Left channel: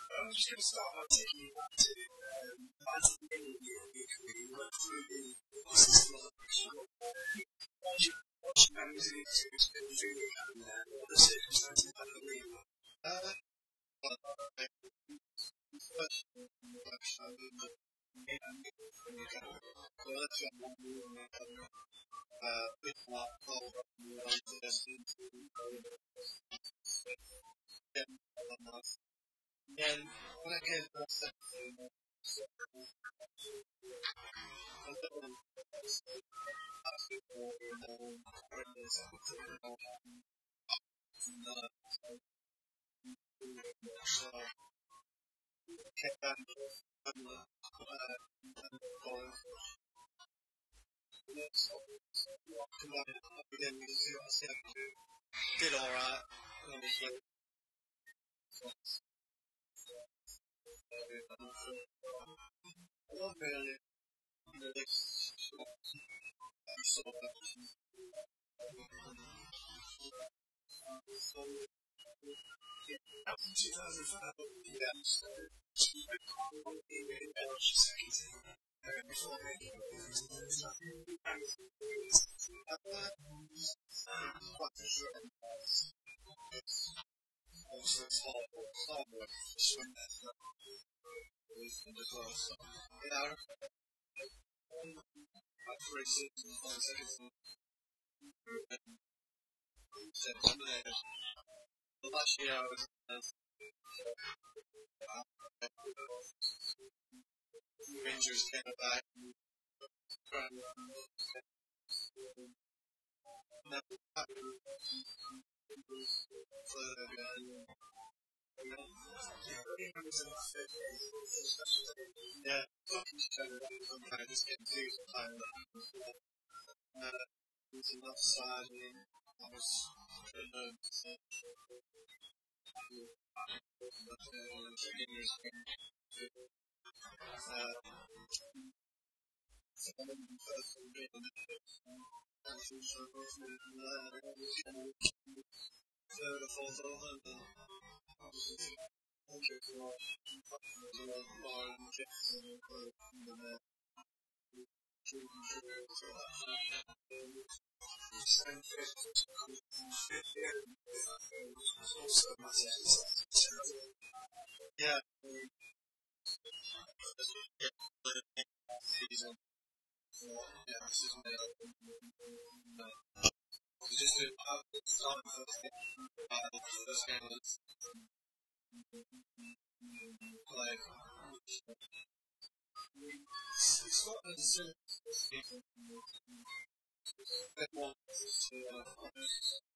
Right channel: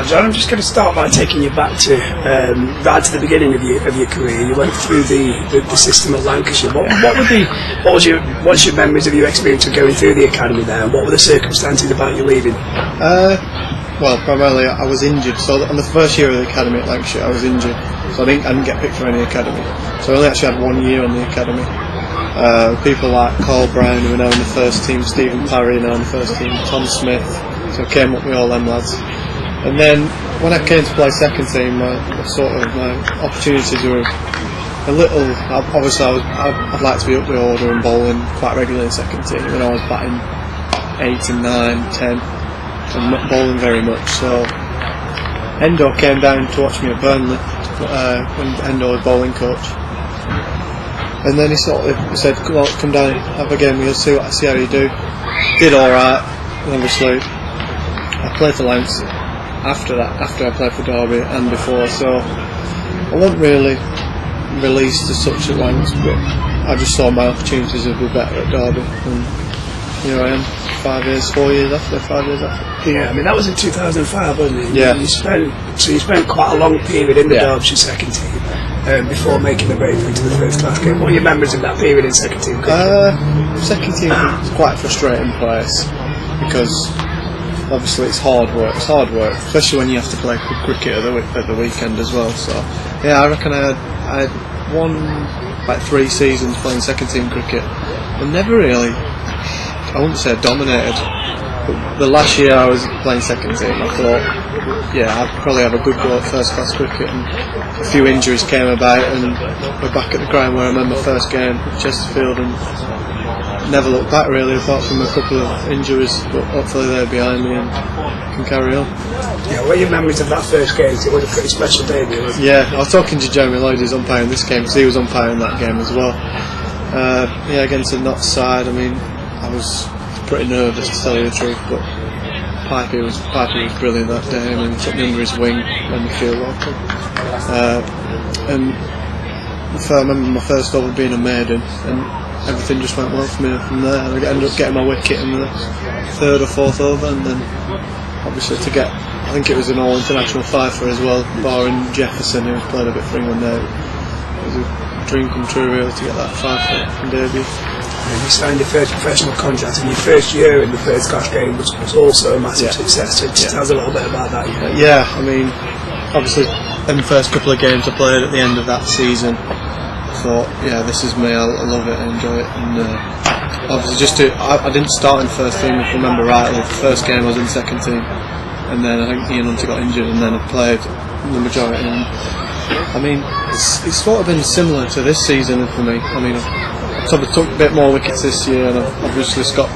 John, I'm just going to start by taking you back to right to the beginning of your career. You went through the system at Lancashire. What's your memories of your experience of going through the academy there? And what were the circumstances about you leaving? Well, primarily I was injured. So on the first year of the academy at Lancashire, I was injured. So I didn't get picked for any academy. So I only actually had 1 year on the academy. People like Carl Brown, who are now in the first team, Stephen Parry, now in the first team, Tom Smith. So I came up with all them lads. And then when I came to play second team, my opportunities were a little. Obviously, I'd like to be up the order and bowling quite regularly in second team. When I was batting 8 and 9, 10, and not bowling very much. So Endo came down to watch me at Burnley when Endo was bowling coach. And then he sort of said, "Come down, have a game. We'll see how you do." Did all right. And obviously, I played for Lance after I played for Derby and before, so I wasn't really released as such at Lance, but I just saw my opportunities would be better at Derby, and here I am, 5 years after. Yeah, I mean that was in 2005, wasn't it? Yeah. You spent quite a long period in the Derbyshire second team before making the break into the first class game. What are your memories of that period in second team? Second team was quite a frustrating place because obviously it's hard work, especially when you have to play cricket at the weekend as well. So yeah, I reckon I had won like 3 seasons playing second team cricket, and never really, I wouldn't say dominated, but the last year I was playing second team, I thought, yeah, I'd probably have a good go at first class cricket, and a few injuries came about, and we're back at the ground where I remember first game at Chesterfield, and never looked back really, apart from a couple of injuries, but hopefully they're behind me and can carry on. Yeah, what are your memories of that first game? It was a pretty special day, wasn't it? Yeah, I was talking to Jeremy Lloyd, who's umpiring this game, because he was umpiring that game as well. Yeah, against the Notts side, I mean, I was pretty nervous to tell you the truth, but Pipey was brilliant that day. I mean, he took me under his wing when the field opened. And I remember my first over being a maiden, and everything just went well for me from there. I ended up getting my wicket in the 3rd or 4th over, and then obviously I think it was an all-international fifer as well, barring Jefferson, who was playing a bit for England there. It was a dream come true really to get that fifer in debut. You signed your first professional contract, and your first year in the first class game was also a massive success. So just tell us a little bit about that. Yeah, I mean, obviously in the first couple of games I played at the end of that season, I thought, yeah, this is me, I love it, I enjoy it. And obviously I didn't start in first team, if I remember rightly. The first game I was in second team, and then I think Ian Hunter got injured, and then I played the majority. And I mean, it's sort of been similar to this season for me. I mean, I've sort of took a bit more wickets this year, and I've obviously got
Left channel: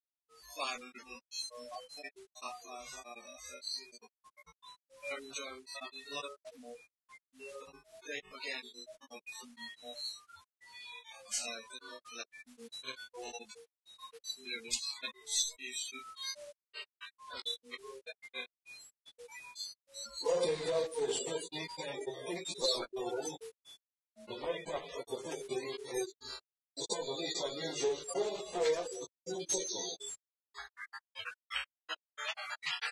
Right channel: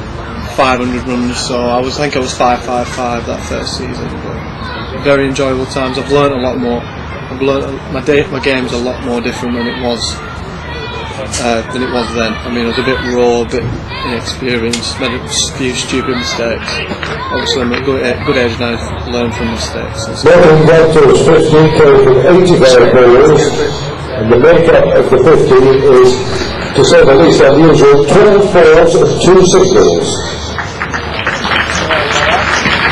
500 runs, so I think I was 555 that first season. But very enjoyable times. I've learnt a lot more. I've learnt my game's a lot more different than it was then. I mean, I was a bit raw, a bit inexperienced, made a few stupid mistakes. Obviously, I'm at a good age now to learn from mistakes. Northern Delta's 15 came from 85 bowlers, and the makeup of the 15 is, to say the least, unusual: 12 fours and 2 singles.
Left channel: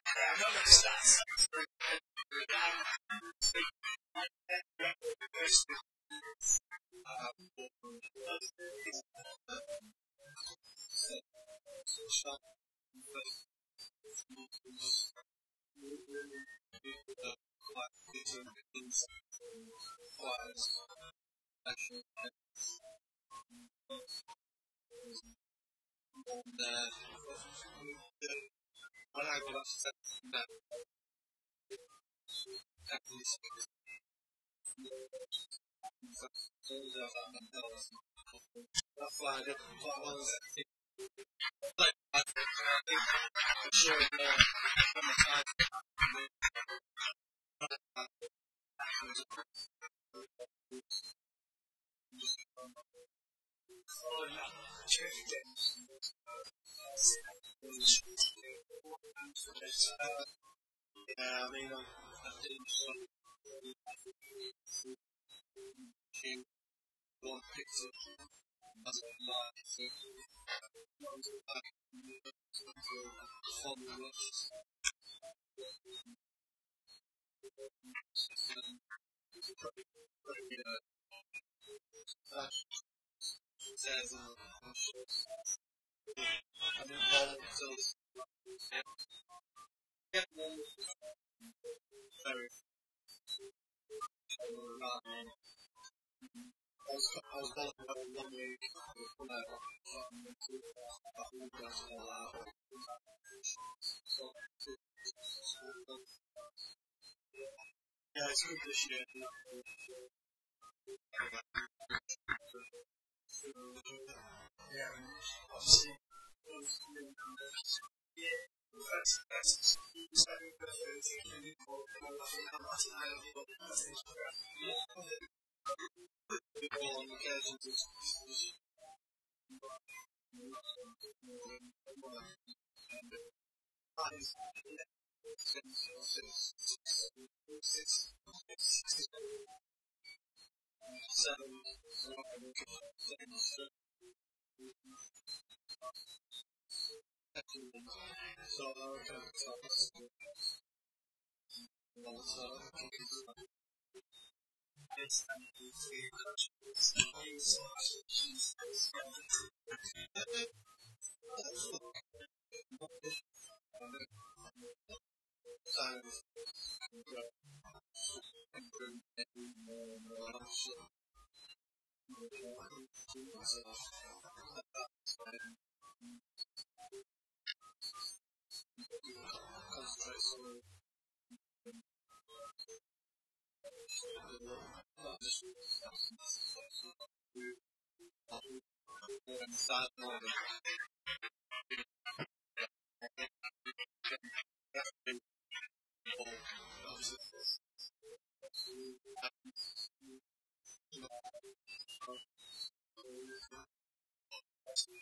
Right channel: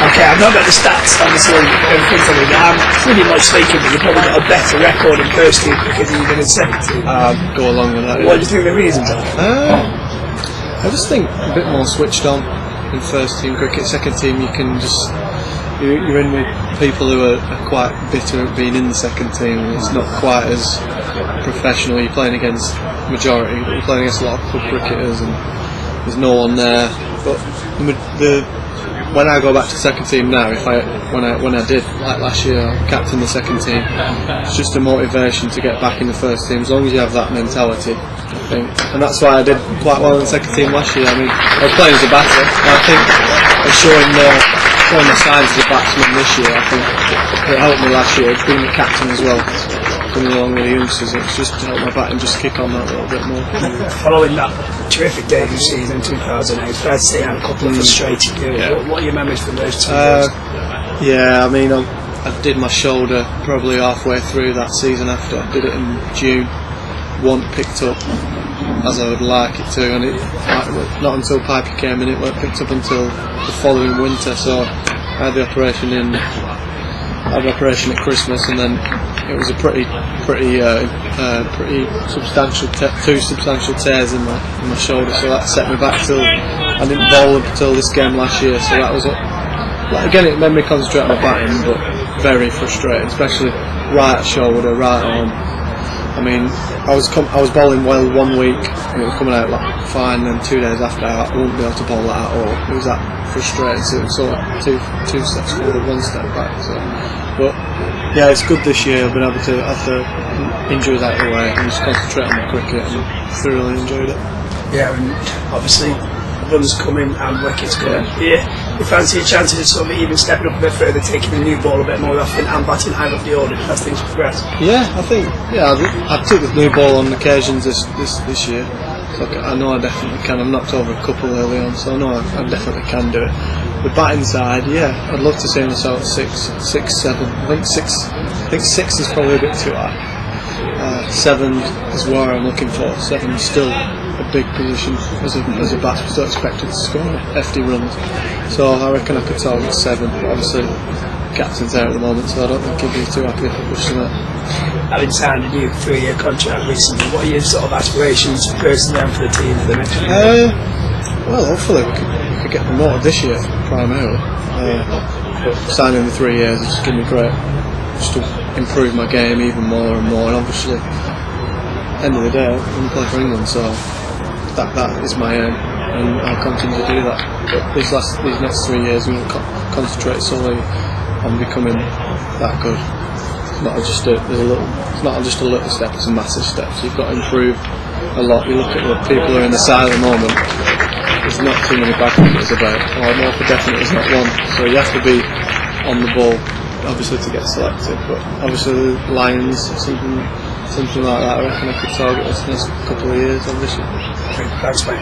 Okay, I've not got the stats, obviously, in front of me, but I'm pretty much thinking that you've probably got a better record in first team cricket than you did in second team. I'd go along with that. What do you think the reasons are? I just think a bit more switched on in first team cricket. Second team, you can just you're in with people who are quite bitter at being in the second team. It's not quite as professional. You're playing against majority. You're playing against a lot of club cricketers, and there's no one there. But when I go back to second team now, when I did, like last year, I captained the second team. It's just a motivation to get back in the first team, as long as you have that mentality, I think. And that's why I did quite well in the second team last year. I mean, I was playing as a batter, and I think I was showing the signs as a batsman this year. I think it helped me last year, being the captain as well, coming along with the youngsters. It's just to help my batting just kick on that a little bit more. Following that terrific debut season in 2008, fair to say I had a couple of frustrating years. What are your memories from those 2 years? Yeah, I mean, I did my shoulder probably halfway through that season after. I did it in June. Wasn't picked up as I would like it to, and not until Piper came in, it weren't picked up until the following winter. So I had the operation in I had an operation at Christmas, and then it was a pretty substantial, two substantial tears in my shoulder. So that set me back till I didn't bowl up until this game last year. So that was again, it made me concentrate on my batting, but very frustrating, especially right shoulder, right arm. I mean, I was bowling well 1 week and it was coming out like fine, and then 2 days after I wouldn't be able to bowl that at all. It was that frustrating. So it was sort of two steps forward, 1 step back. So, but yeah, it's good this year. I've been able to, after injuries out of the way, and just concentrate on the cricket, and thoroughly enjoyed it. Yeah, and obviously runs coming and wickets coming. Yeah, you fancy a chance of sort of even stepping up a bit further, taking the new ball a bit more often, and batting high up the order as things progress? Yeah, I think I took the new ball on occasions this year. So I know I definitely can. I've knocked over a couple early on, so I know I definitely can do it. The batting side, yeah, I'd love to see myself at 6, 7. I think 6 is probably a bit too high. 7 is where I'm looking for. 7 is still a big position as a batsman, still expected to score hefty runs. So I reckon I could target 7. But obviously, captain's there at the moment, so I don't think he'd be too happy if I pushed him out. Having signed a new 3-year contract recently, what are your sort of aspirations personally and for the team for the next year? Well, hopefully we could get promoted this year primarily. But signing the 3 years has just given me great, just to improve my game even more and more. And obviously, end of the day, I'm going to play for England, so that is my aim, and I'll continue to do that. But these next 3 years, I'm going to concentrate solely on becoming that good. It's not just a little step; it's a massive step. So you've got to improve a lot. You look at what people are in the side at the moment. There's not too many bad cricketers about. Or more for definite, there's not one. So you have to be on the ball, obviously, to get selected. But obviously, the Lions, something like that. I reckon I could target this next couple of years, obviously. Thanks, mate.